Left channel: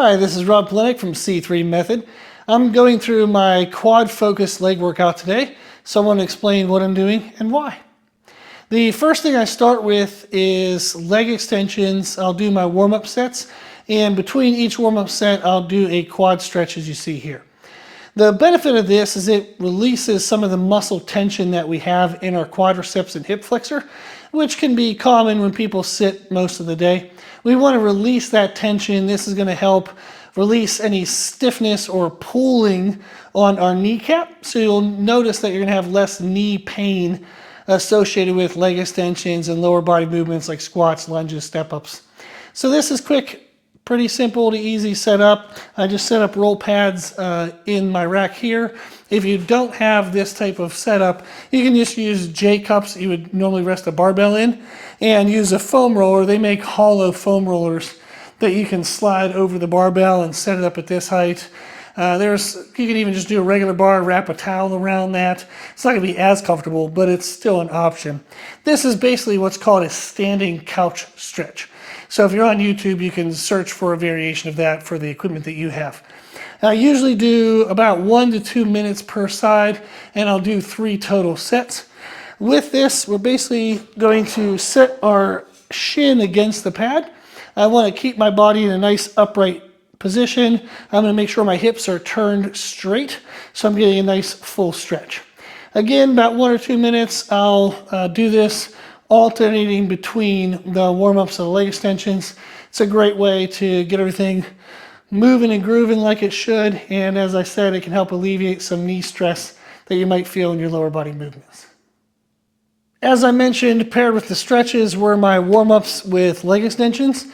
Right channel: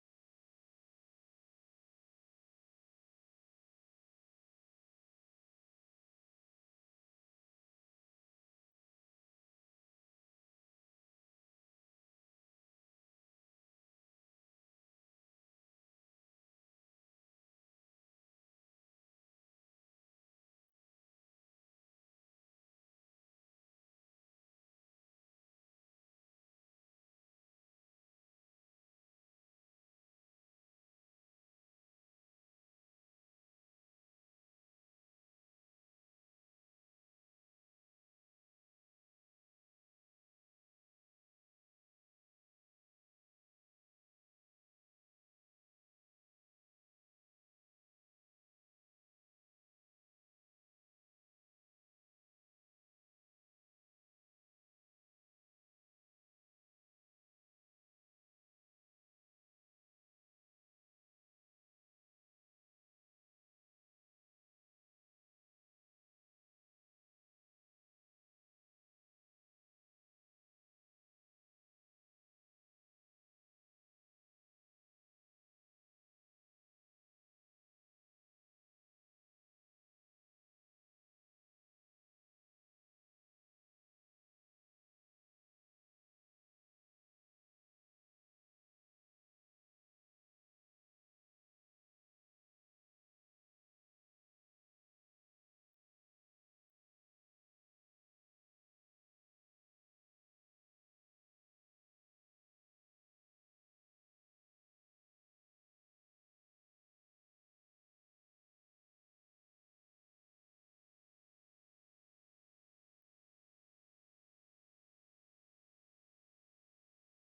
Hi, this is Rob Polenick from C3Method. I'm going through my quad-focused leg workout today, so I want to explain what I'm doing and why. The first thing I start with is leg extensions. I'll do my warm-up sets, and between each warm-up set, I'll do a quad stretch as you see here. The benefit of this is it releases some of the muscle tension that we have in our quadriceps and hip flexor, which can be common when people sit most of the day. We want to release that tension. This is going to help release any stiffness or pulling on our kneecap. So you'll notice that you're going to have less knee pain associated with leg extensions and lower body movements like squats, lunges, step-ups. So this is quick. Pretty simple to easy setup. I just set up roll pads in my rack here. If you don't have this type of setup, you can just use J cups you would normally rest a barbell in and use a foam roller. They make hollow foam rollers that you can slide over the barbell and set it up at this height. You can even just do a regular bar, wrap a towel around that. It's not gonna be as comfortable, but it's still an option. This is basically what's called a standing couch stretch. So if you're on YouTube, you can search for a variation of that for the equipment that you have. I usually do about 1 to 2 minutes per side, and I'll do 3 total sets. With this, we're basically going to set our shin against the pad. I want to keep my body in a nice upright position. I'm going to make sure my hips are turned straight, so I'm getting a nice full stretch. Again, about 1 or 2 minutes, I'll do this alternating between the warm-ups and the leg extensions. It's a great way to get everything moving and grooving like it should, and as I said, it can help alleviate some knee stress that you might feel in your lower body movements. As I mentioned, paired with the stretches were my warm-ups with leg extensions.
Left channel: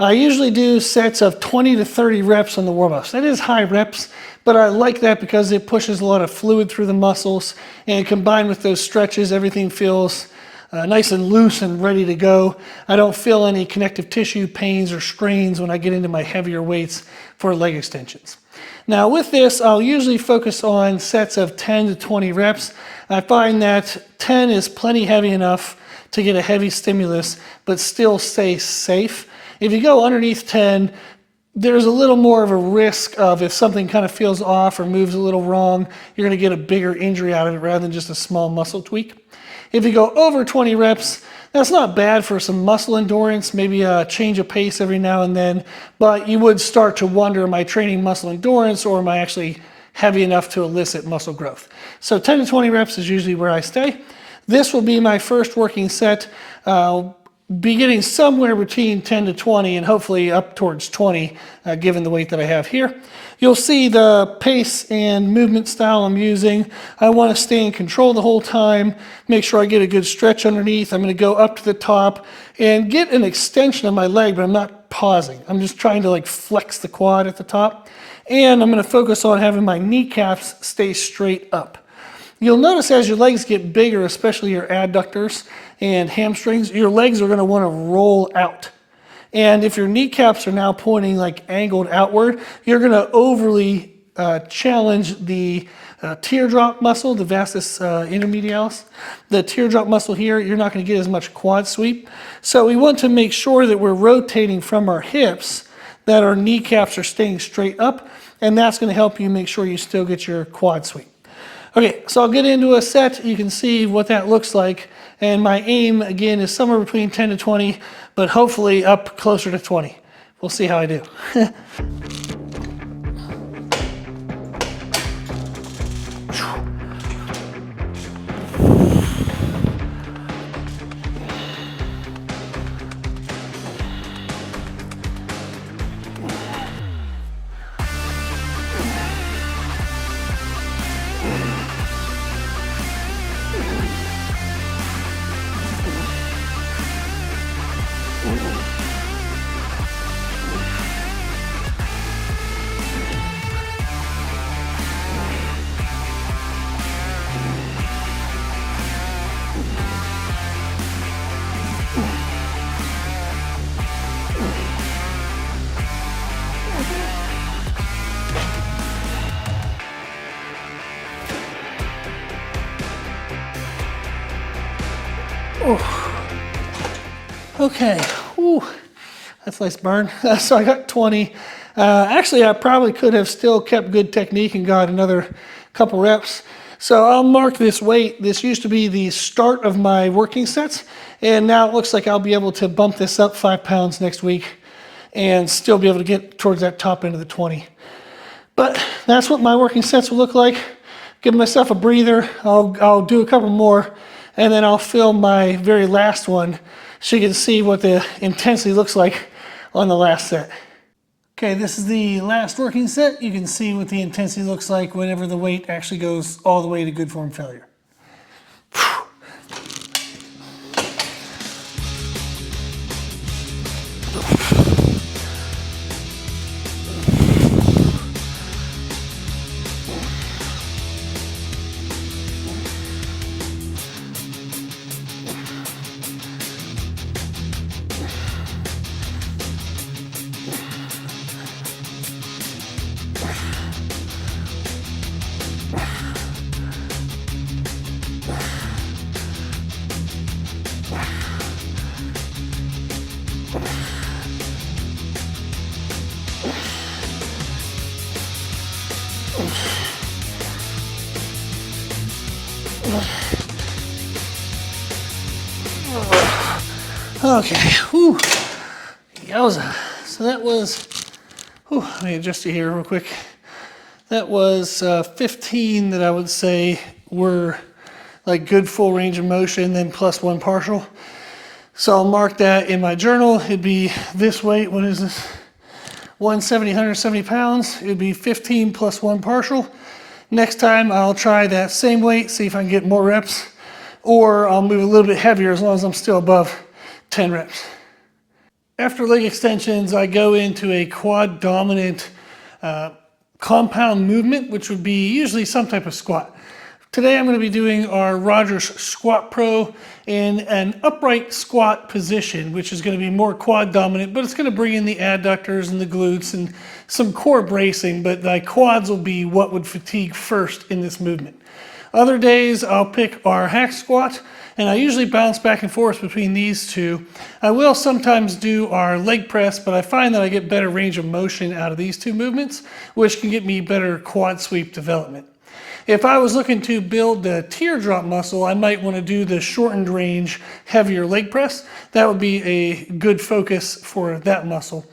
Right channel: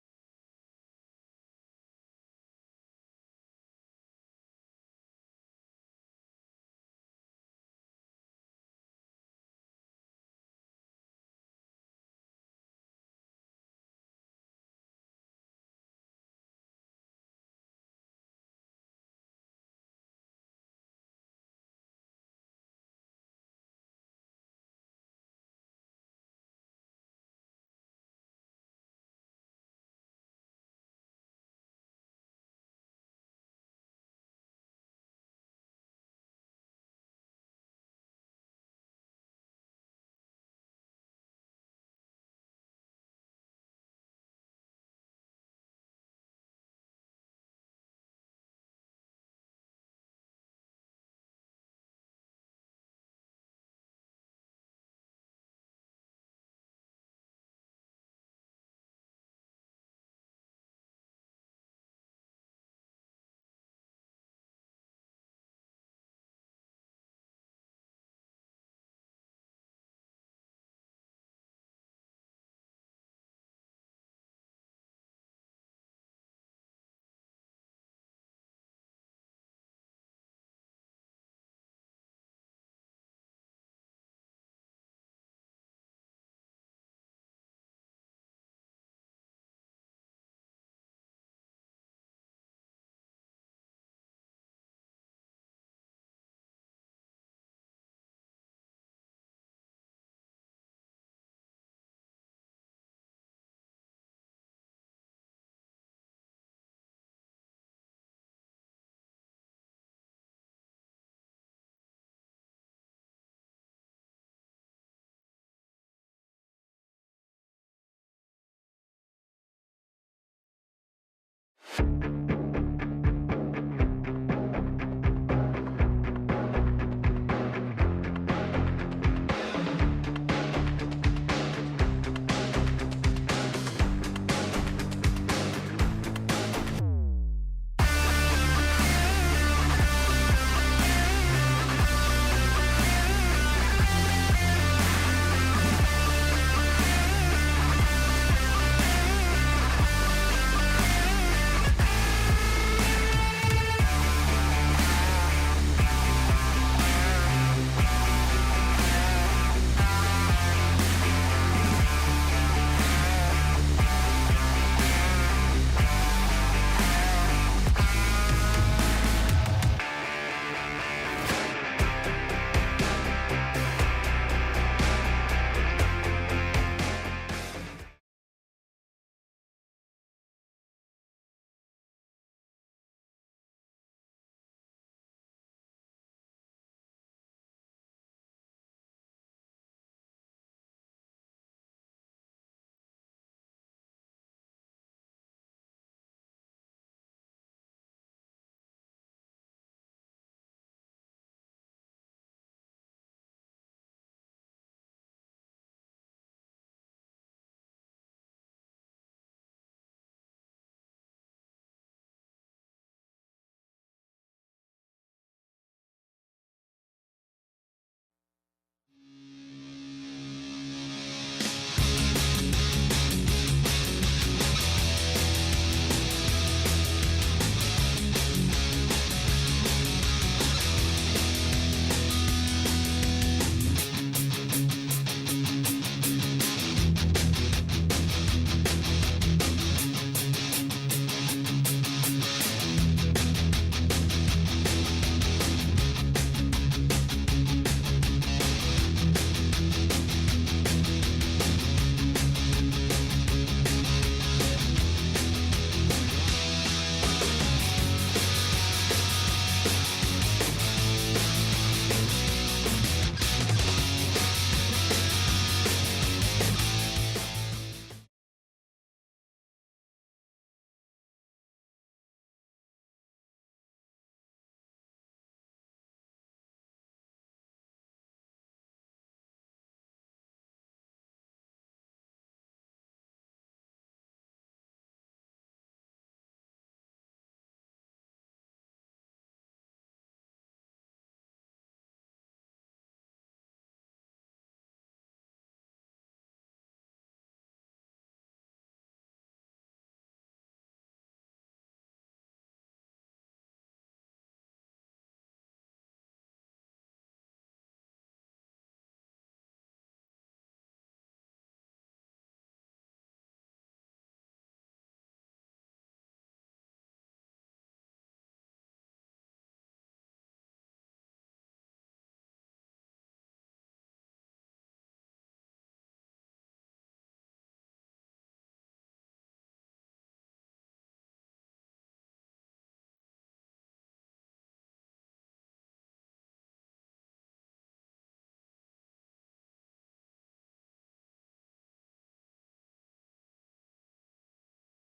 I usually do sets of 20 to 30 reps on the warm-ups. That is high reps, but I like that because it pushes a lot of fluid through the muscles, and combined with those stretches, everything feels nice and loose and ready to go. I don't feel any connective tissue pains or strains when I get into my heavier weights for leg extensions. Now with this, I'll usually focus on sets of 10 to 20 reps. I find that 10 is plenty heavy enough to get a heavy stimulus, but still stay safe. If you go underneath 10, there's a little more of a risk of if something kind of feels off or moves a little wrong, you're going to get a bigger injury out of it rather than just a small muscle tweak. If you go over 20 reps, that's not bad for some muscle endurance, maybe a change of pace every now and then, but you would start to wonder, am I training muscle endurance or am I actually heavy enough to elicit muscle growth? So 10 to 20 reps is usually where I stay. This will be my first working set. Be getting somewhere between 10 to 20 and hopefully up towards 20 given the weight that I have here. You'll see the pace and movement style I'm using. I want to stay in control the whole time, make sure I get a good stretch underneath. I'm going to go up to the top and get an extension of my leg, but I'm not pausing. I'm just trying to flex the quad at the top. And I'm going to focus on having my kneecaps stay straight up. You'll notice as your legs get bigger, especially your adductors and hamstrings, your legs are going to want to roll out. And if your kneecaps are now pointing angled outward, you're going to overly challenge the teardrop muscle, the vastus intermedialis. The teardrop muscle here, you're not going to get as much quad sweep. So we want to make sure that we're rotating from our hips, that our kneecaps are staying straight up, and that's going to help you make sure you still get your quad sweep. Okay, so I'll get into a set. You can see what that looks like. And my aim, again, is somewhere between 10 to 20, but hopefully up closer to 20. We'll see how I do. Okay, ooh, that's a nice burn. So I got 20. Actually, I probably could have still kept good technique and got another couple reps. So I'll mark this weight. This used to be the start of my working sets, and now it looks like I'll be able to bump this up 5 pounds next week and still be able to get towards that top end of the 20. But that's what my working sets will look like. Give myself a breather. I'll do a couple more, and then I'll film my very last one so you can see what the intensity looks like on the last set. Okay, this is the last working set. You can see what the intensity looks like whenever the weight actually goes all the way to good form failure. Okay, whew, yowza. So that was, let me adjust it here real quick. That was 15 that I would say were like good full range of motion, then plus 1 partial. So I'll mark that in my journal. It'd be this weight, what is this? 170 pounds. It'd be 15 plus 1 partial. Next time I'll try that same weight, see if I can get more reps, or I'll move a little bit heavier as long as I'm still above 10 reps. After leg extensions, I go into a quad dominant compound movement, which would be usually some type of squat. Today I'm going to be doing our Rogers Squat Pro in an upright squat position, which is going to be more quad dominant, but it's going to bring in the adductors and the glutes and some core bracing, but the quads will be what would fatigue first in this movement. Other days I'll pick our hack squat, and I usually bounce back and forth between these two. I will sometimes do our leg press, but I find that I get better range of motion out of these two movements, which can get me better quad sweep development. If I was looking to build the teardrop muscle, I might want to do the shortened range, heavier leg press. That would be a good focus for that muscle.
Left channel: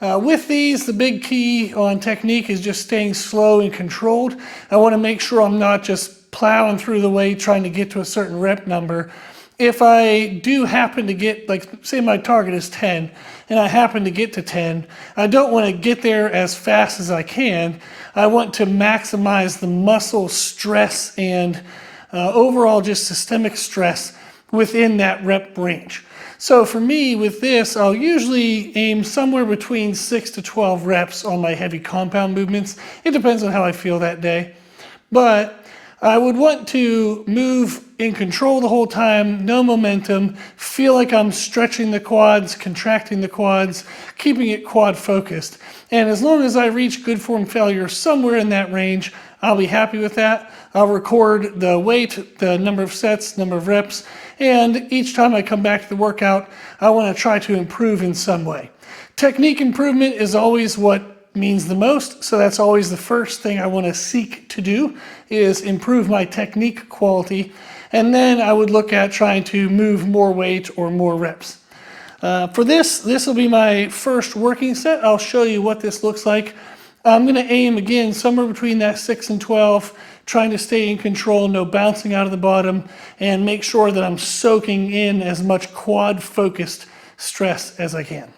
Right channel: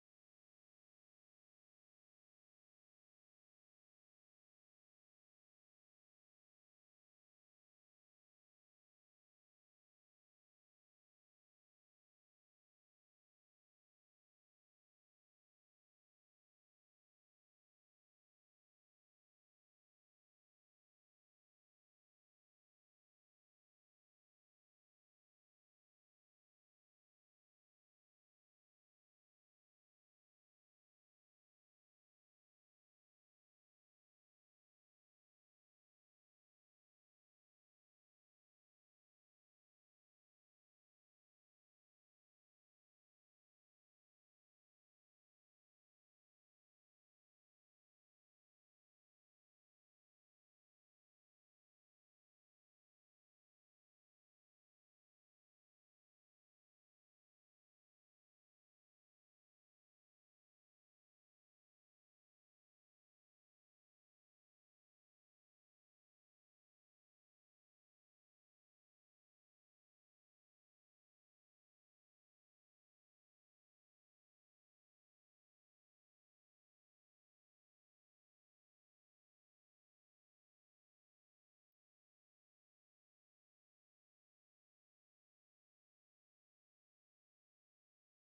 With these, the big key on technique is just staying slow and controlled. I want to make sure I'm not just plowing through the weight trying to get to a certain rep number. If I do happen to get, like say my target is 10 and I happen to get to 10, I don't want to get there as fast as I can. I want to maximize the muscle stress and overall just systemic stress within that rep range. So for me with this, I'll usually aim somewhere between 6 to 12 reps on my heavy compound movements. It depends on how I feel that day. But I would want to move in control the whole time, no momentum, feel like I'm stretching the quads, contracting the quads, keeping it quad focused. And as long as I reach good form failure somewhere in that range, I'll be happy with that. I'll record the weight, the number of sets, number of reps, and each time I come back to the workout, I want to try to improve in some way. Technique improvement is always what means the most, so that's always the first thing I want to seek to do is improve my technique quality, and then I would look at trying to move more weight or more reps. For this will be my first working set. I'll show you what this looks like. I'm going to aim again somewhere between that 6 and 12, trying to stay in control, no bouncing out of the bottom, and make sure that I'm soaking in as much quad focused stress as I can.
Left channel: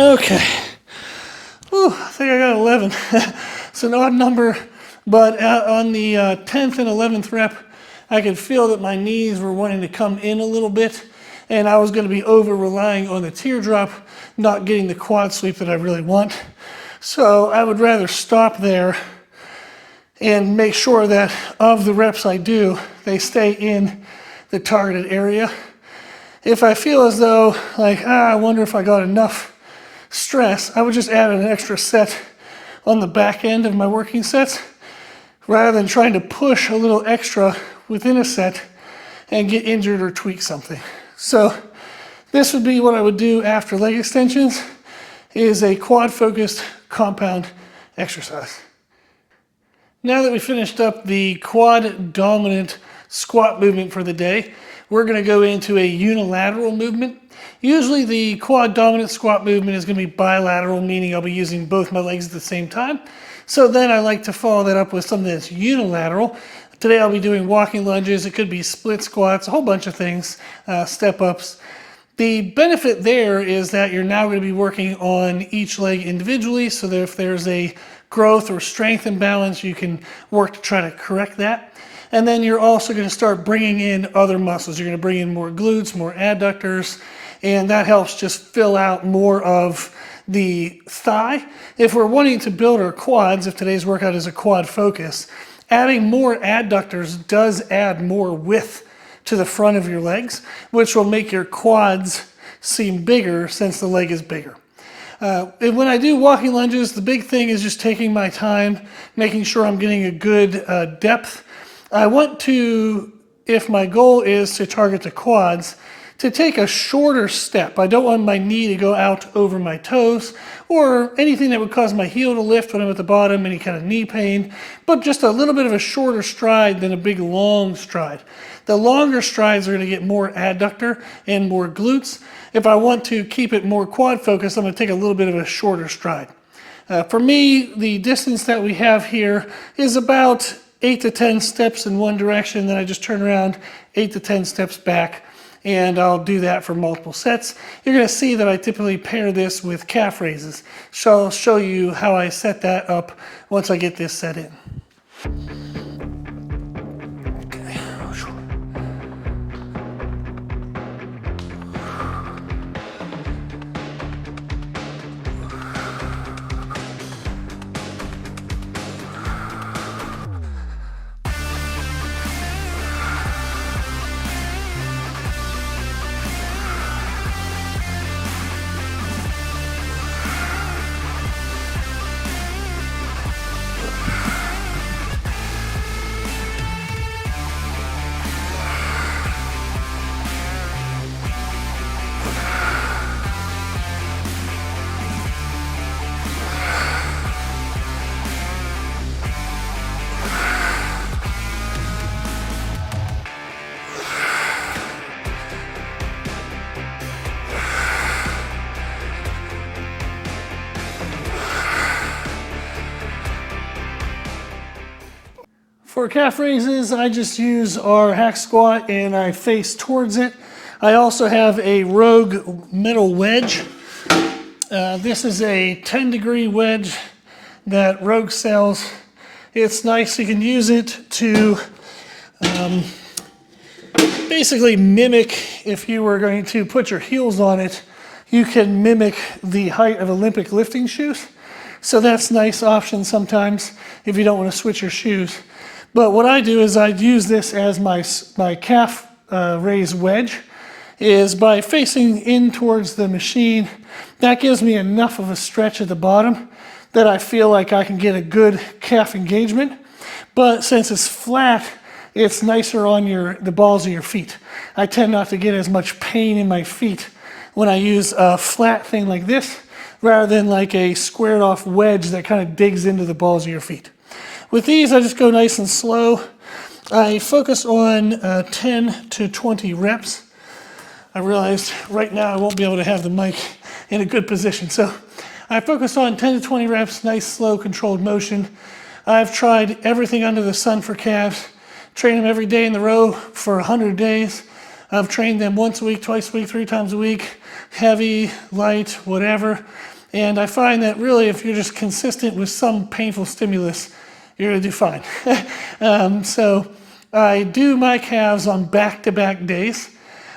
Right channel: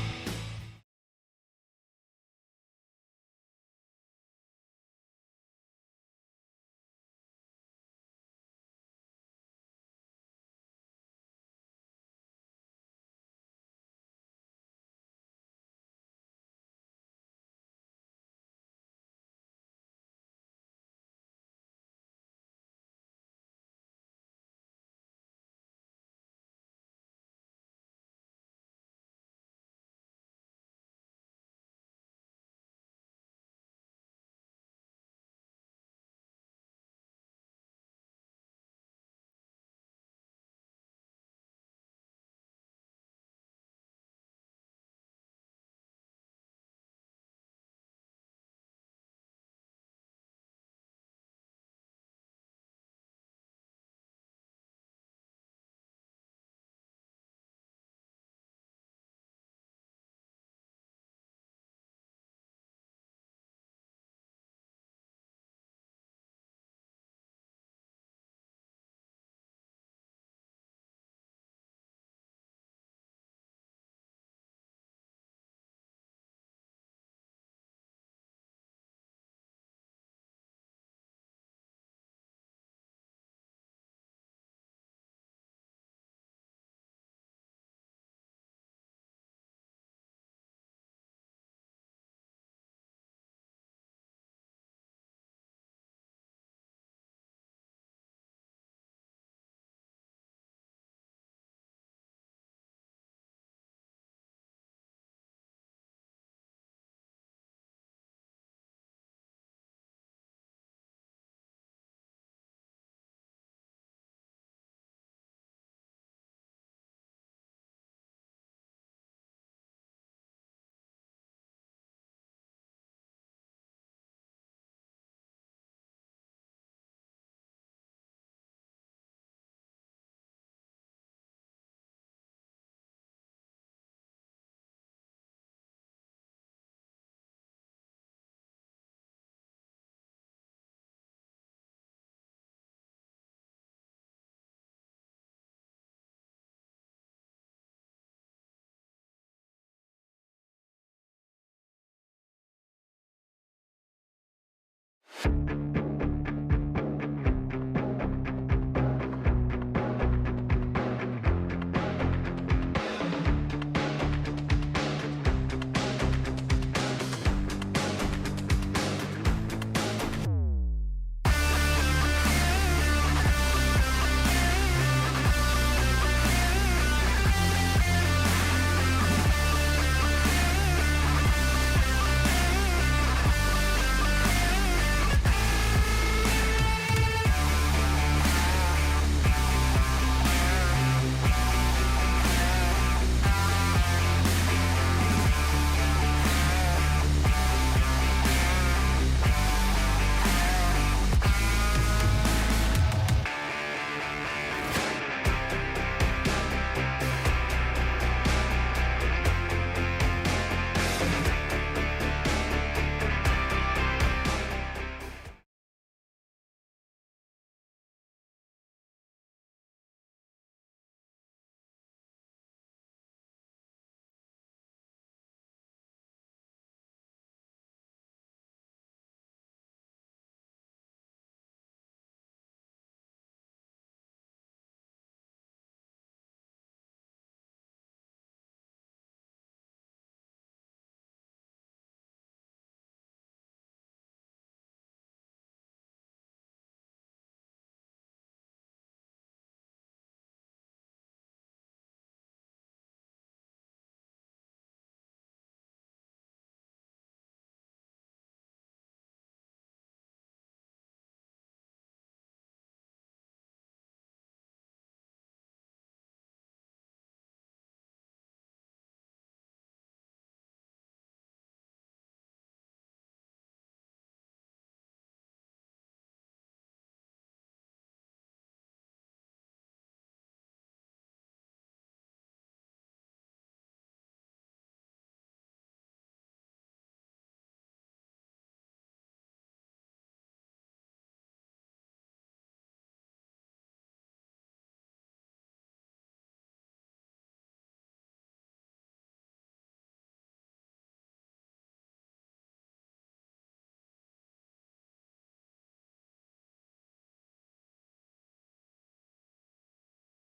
Okay. Whew, I think I got 11. It's an odd number, but on the 10th and 11th rep, I could feel that my knees were wanting to come in a little bit, and I was going to be over relying on the teardrop, not getting the quad sweep that I really want. So I would rather stop there and make sure that of the reps I do, they stay in the targeted area. If I feel as though, like, I wonder if I got enough stress, I would just add an extra set on the back end of my working sets, rather than trying to push a little extra within a set and get injured or tweak something. So this would be what I would do after leg extensions, is a quad focused compound exercise. Now that we finished up the quad dominant squat movement for the day, we're going to go into a unilateral movement. Usually the quad dominant squat movement is going to be bilateral, meaning I'll be using both my legs at the same time. So then I like to follow that up with something that's unilateral. Today I'll be doing walking lunges. It could be split squats, a whole bunch of things, step ups. The benefit there is that you're now going to be working on each leg individually, so that if there's a growth or strength imbalance, you can work to try to correct that. And then you're also going to start bringing in other muscles. You're going to bring in more glutes, more adductors, and that helps just fill out more of the thigh. If we're wanting to build our quads, if today's workout is a quad focus, adding more adductors does add more width to the front of your legs, which will make your quads seem bigger since the leg is bigger. And when I do walking lunges, the big thing is just taking my time, making sure I'm getting a good depth. I want to, if my goal is to target the quads, to take a shorter step. I don't want my knee to go out over my toes or anything that would cause my heel to lift when I'm at the bottom, any kind of knee pain, but just a little bit of a shorter stride than a big long stride. The longer strides are going to get more adductor and more glutes. If I want to keep it more quad focused, I'm going to take a little bit of a shorter stride. For me, the distance that we have here is about 8 to 10 steps in one direction, then I just turn around 8 to 10 steps back, and I'll do that for multiple sets. You're going to see that I typically pair this with calf raises. So I'll show you how I set that up once I get this set in. For calf raises, I just use our hack squat and I face towards it. I also have a Rogue metal wedge. This is a 10-degree wedge that Rogue sells. It's nice. You can use it to basically mimic, if you were going to put your heels on it, you can mimic the height of Olympic lifting shoes. So that's a nice option sometimes if you don't want to switch your shoes. But what I do is I use this as my calf raise wedge, is by facing in towards the machine. That gives me enough of a stretch at the bottom that I feel like I can get a good calf engagement. But since it's flat, it's nicer on the balls of your feet. I tend not to get as much pain in my feet when I use a flat thing like this, rather than like a squared off wedge that kind of digs into the balls of your feet. With these, I just go nice and slow. I focus on 10 to 20 reps. I realized right now I won't be able to have the mic in a good position. So I focus on 10 to 20 reps, nice, slow, controlled motion. I've tried everything under the sun for calves. Train them every day in the row for 100 days. I've trained them once a week, twice a week, 3 times a week, heavy, light, whatever. And I find that really if you're just consistent with some painful stimulus, you're gonna do fine. So I do my calves on back-to-back days.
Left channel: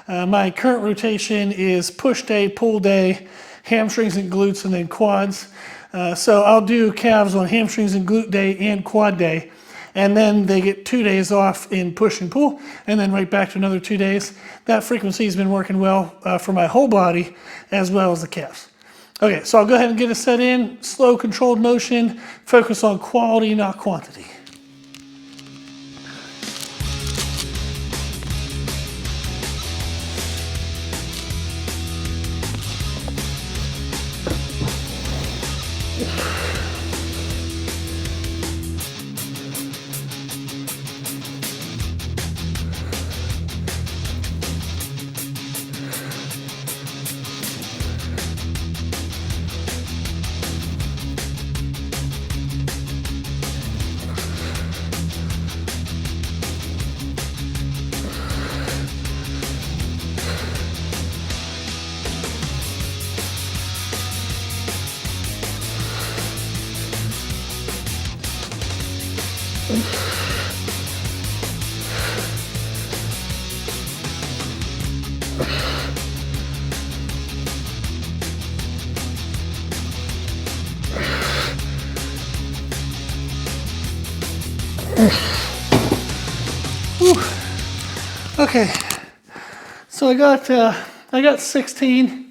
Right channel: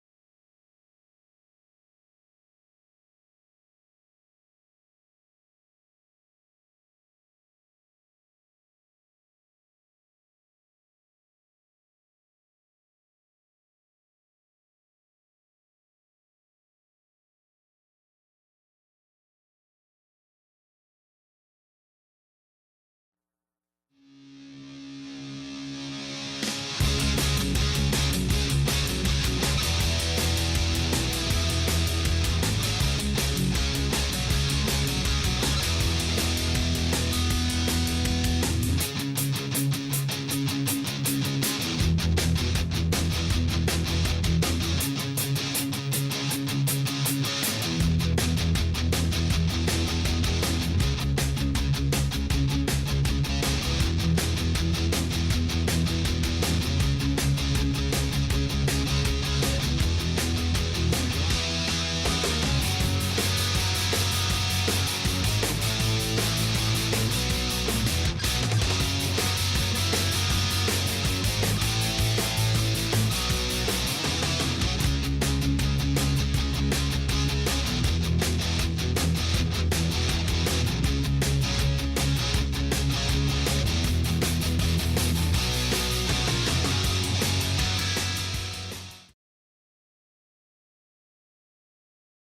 My current rotation is push day, pull day, hamstrings and glutes, and then quads. So I'll do calves on hamstrings and glute day and quad day. And then they get 2 days off in push and pull, and then right back to another 2 days. That frequency has been working well for my whole body as well as the calves. Okay, so I'll go ahead and get a set in, slow controlled motion, focus on quality, not quantity. Okay, so I got 16.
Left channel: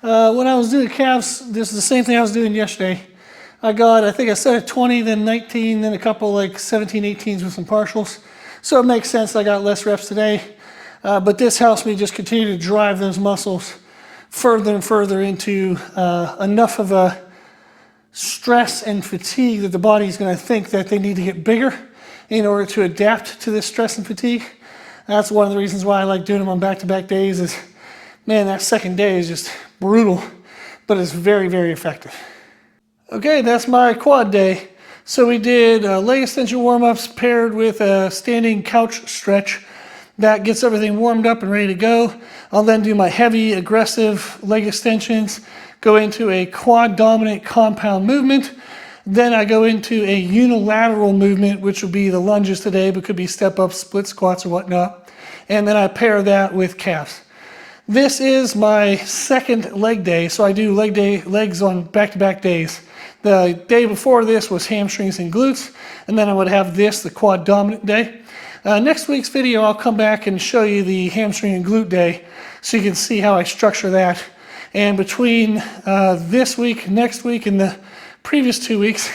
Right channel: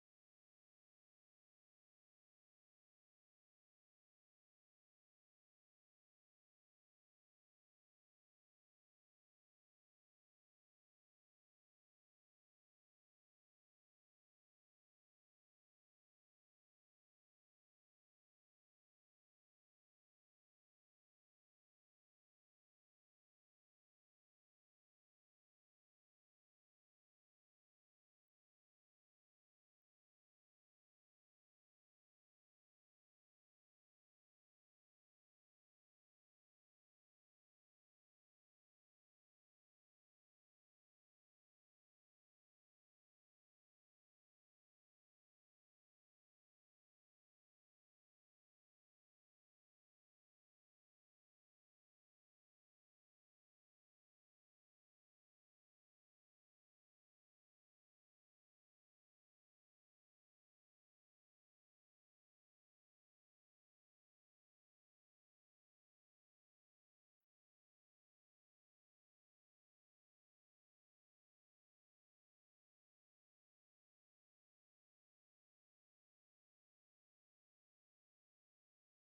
When I was doing calves, this is the same thing I was doing yesterday. I think I set at 20, then 19, then a couple like 17, 18s with some partials. So it makes sense I got less reps today. But this helps me just continue to drive those muscles further and further into enough of a stress and fatigue that the body's going to think that they need to get bigger in order to adapt to this stress and fatigue. That's one of the reasons why I like doing them on back-to-back days is, man, that second day is just brutal, but it's very, very effective. Okay, that's my quad day. So we did leg extension warm-ups paired with a standing couch stretch. That gets everything warmed up and ready to go. I'll then do my heavy, aggressive leg extensions, go into a quad dominant compound movement. Then I go into a unilateral movement, which will be the lunges today, but could be step ups, split squats or whatnot. And then I pair that with calves. This is my second leg day, so I do legs on back-to-back days. The day before this was hamstrings and glutes, and then I would have this, the quad dominant day. Next week's video, I'll come back and show you the hamstring and glute day so you can see how I structure that. And between this week, next week, and the previous 2 weeks,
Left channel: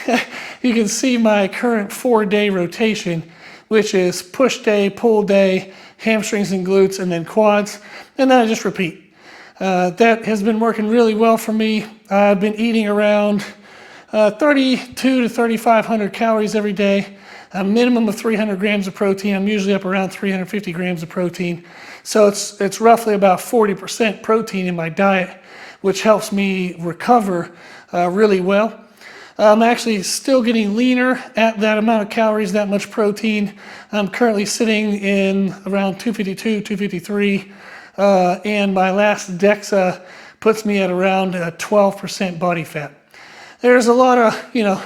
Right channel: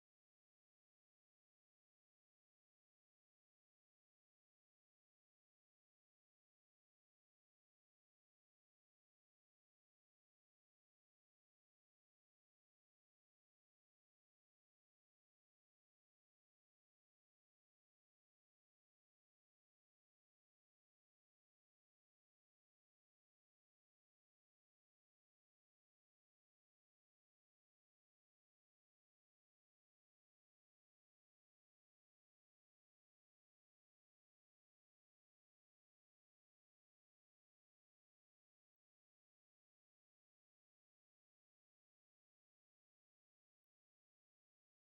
you can see my current 4-day rotation, which is push day, pull day, hamstrings and glutes, and then quads. And then I just repeat. That has been working really well for me. I've been eating around 3,200 to 3,500 calories every day, a minimum of 300 grams of protein. I'm usually up around 350 grams of protein. So it's roughly about 40% protein in my diet, which helps me recover really well. I'm actually still getting leaner at that amount of calories, that much protein. I'm currently sitting in around 252, 253, and my last DEXA puts me at around 12% body fat. There's a lot of,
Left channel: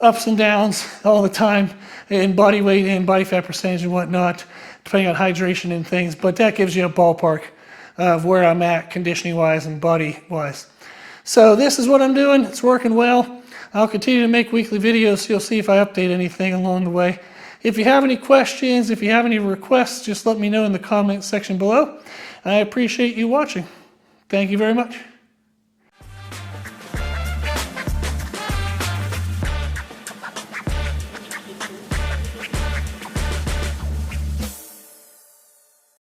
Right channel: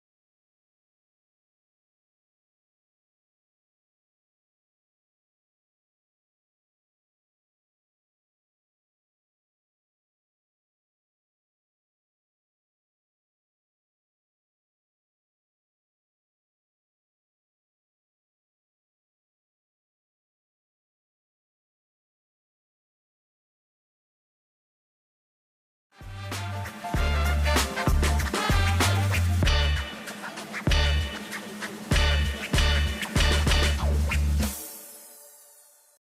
ups and downs all the time in body weight and body fat percentage and whatnot, depending on hydration and things, but that gives you a ballpark of where I'm at conditioning-wise and body-wise. So this is what I'm doing. It's working well. I'll continue to make weekly videos, so you'll see if I update anything along the way. If you have any questions, if you have any requests, just let me know in the comment section below. I appreciate you watching. Thank you very much.